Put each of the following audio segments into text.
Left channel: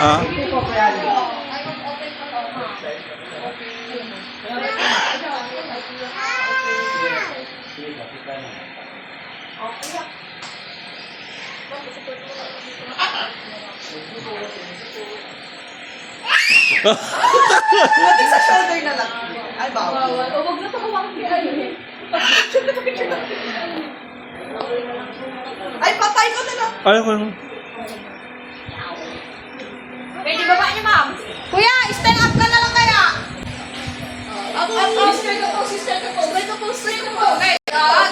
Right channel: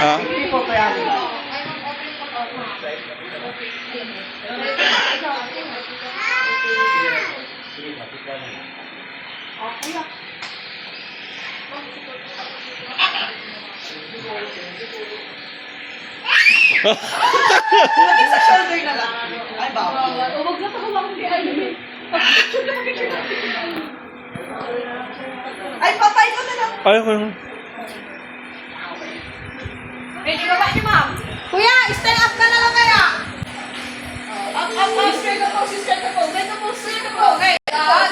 Ha? Hindi po kaya nila. Lagi sa shoulder na lang. Ay, bawal. Huwag na pahawak ni Ali. Ay, patay ko na lang. Ayaw ko naman. Medyo baba niyo, ma'am. Kuya, stand up ka na lang kaya. Sister ko po, sister ko po. Ganito po, sister ko po. Okay.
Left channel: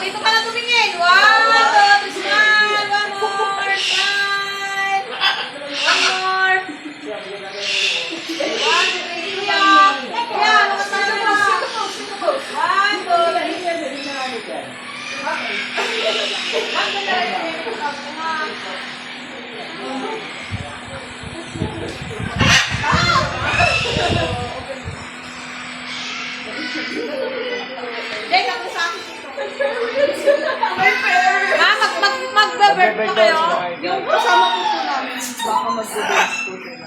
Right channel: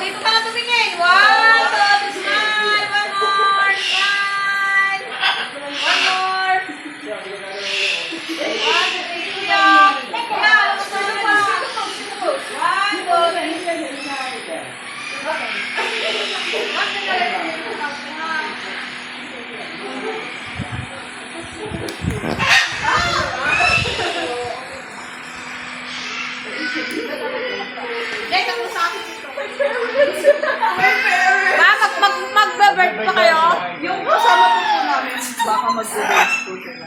Dito ka na tumingin. 1, 2, 3, smile. One more. Smile. One more. 1, 2, 3, kuya. Kuya, lumas na ka na. 1, 2, 3. Jay, takbo sa akin dito. Ma, mag-bird pa kayo? Yung kasama po po namin, baka mag-dance po sila.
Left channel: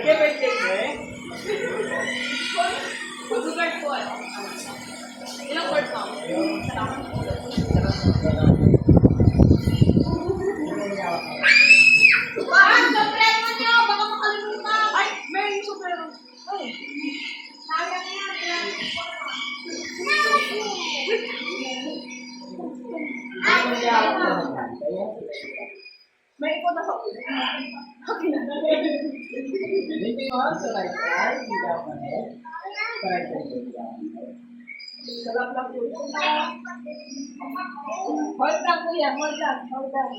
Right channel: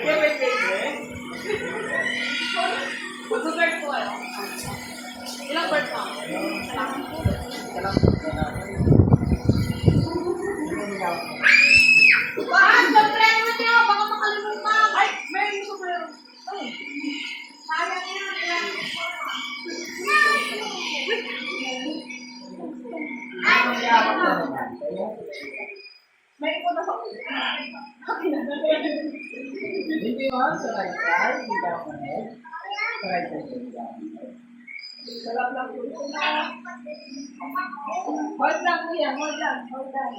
Okay, wait. Mag-bird po ano? Ilang bird pa? Girlfriend mo niyo, baka makalimutan. Ay, may super. Ay. Sayang yan. May ikaw na sa Hindi mo sa right side, hindi ka manet. Sa right side lang. sarap lang po. Hold lang po yan, hold lang. Hold lang.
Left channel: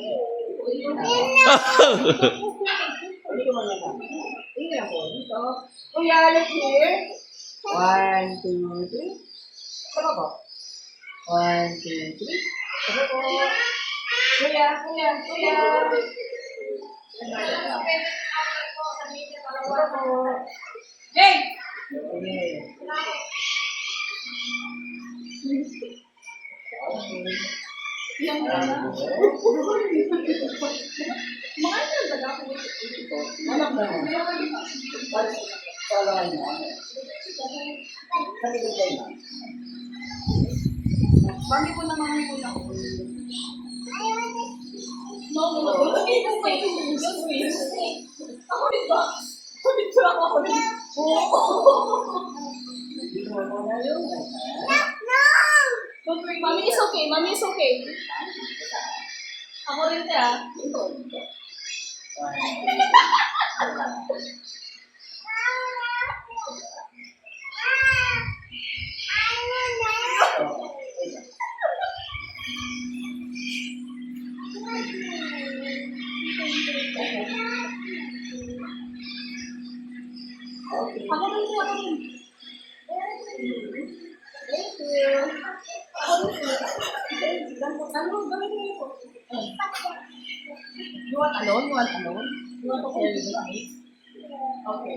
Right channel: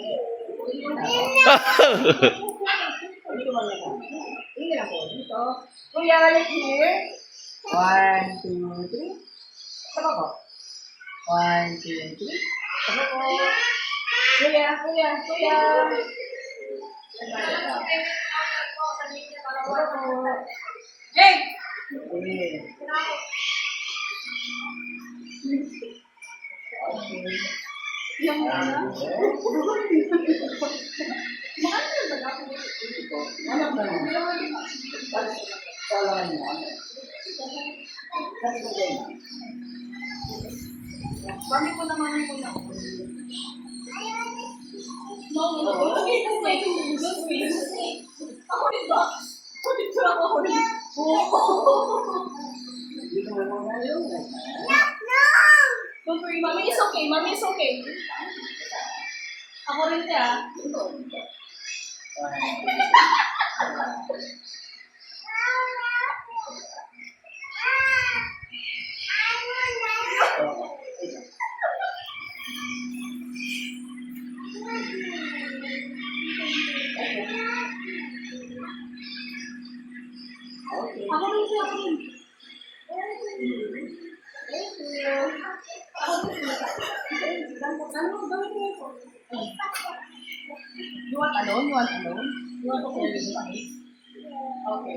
Hindi ko manet. Hindi lang po. Dito. Kuya, let's hear. 1, 2, 3. Saka po. 1, 2, 3. Saka po. Kuya. Jay! Okay. Anak na mo. Kailangan mo. Sabi ko kayo na. Bami ko na mga ko na. No. Ako rin ba? Ako rin. Dito mo mo na yun. Don't worry, mommy is okay. Mommy is okay. Ako rin siya. Ako rin siya. Ako rin. Thank you. Ano? Bakit mo ito? You want alone? You want to share with me? Okay.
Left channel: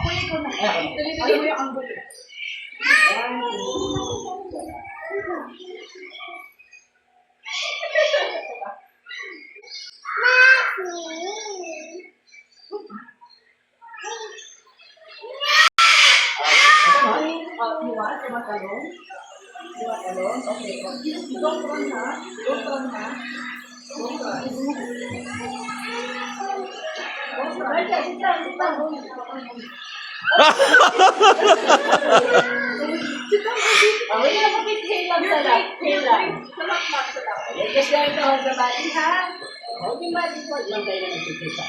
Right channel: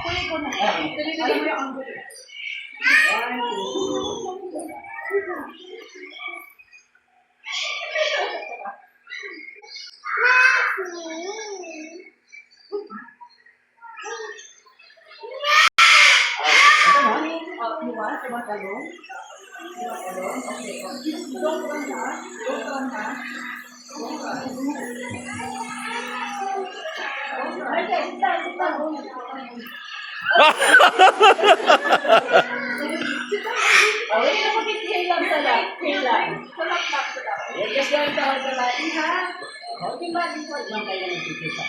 Kuya ko na. Alam mo yung anggot. You want alone? Okay. Don't run na. Okay na po, hate lang sa lang. Hate lang. Salat lang sa lang. Just going to hold the body, ha? Okay, body. Huwag lang kayo nagkikita.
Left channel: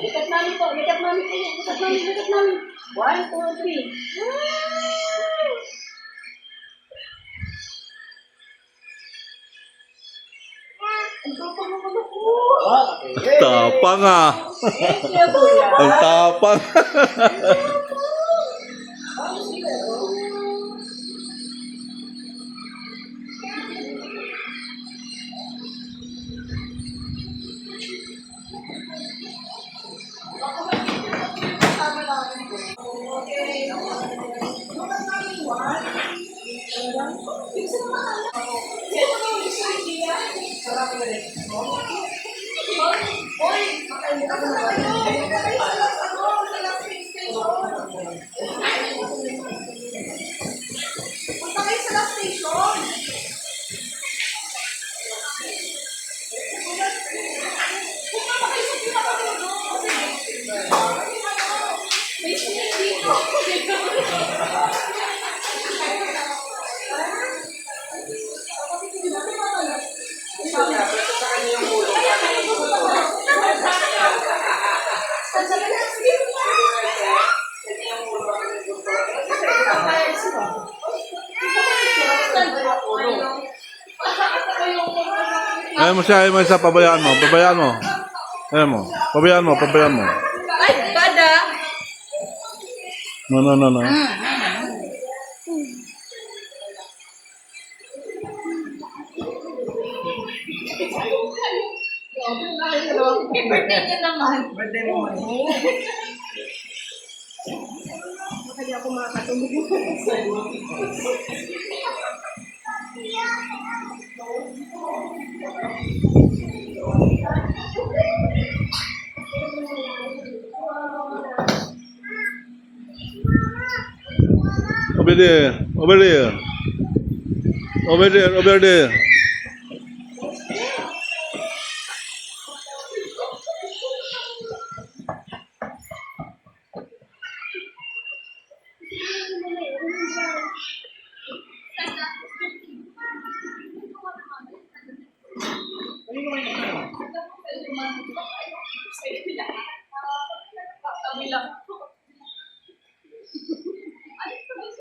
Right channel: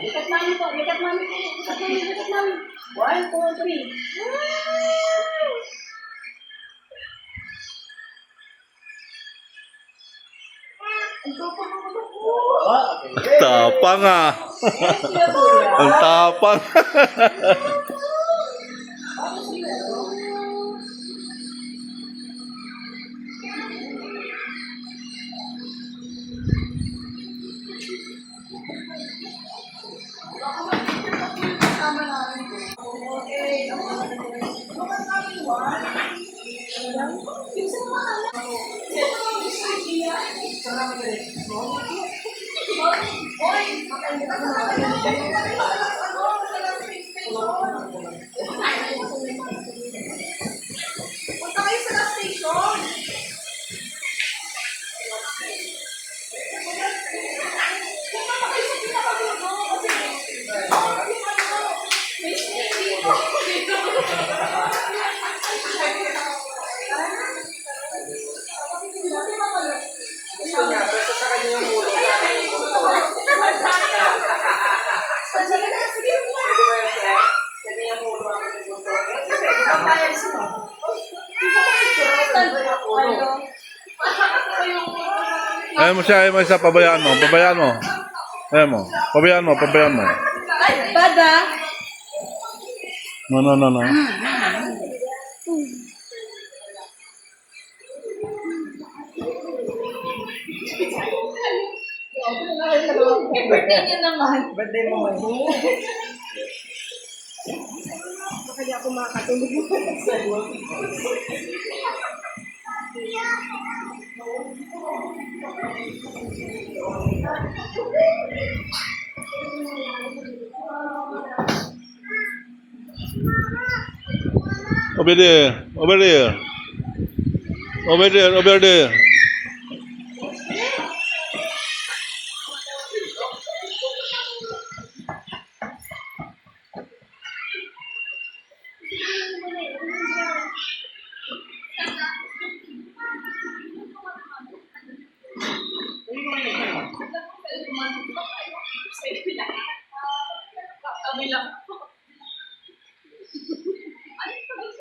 Likat namin po. Likat namin po. Likat namin. 1, 2, 3. Okay. Tapang ah. Ang tapang. Okay. Gusto niya, basta sa kanya yung ulo. Ayaw mo siya, ayaw mo siya, pabayaan mo, pabayaan mo. Ayaw mo, pabayaan mo, pabayaan mo. Ay, bada. No, no, no, no. Birthday niya naman. Birthday mo man. Kaya ako makakatulog. Over there, over there. Over there, over there.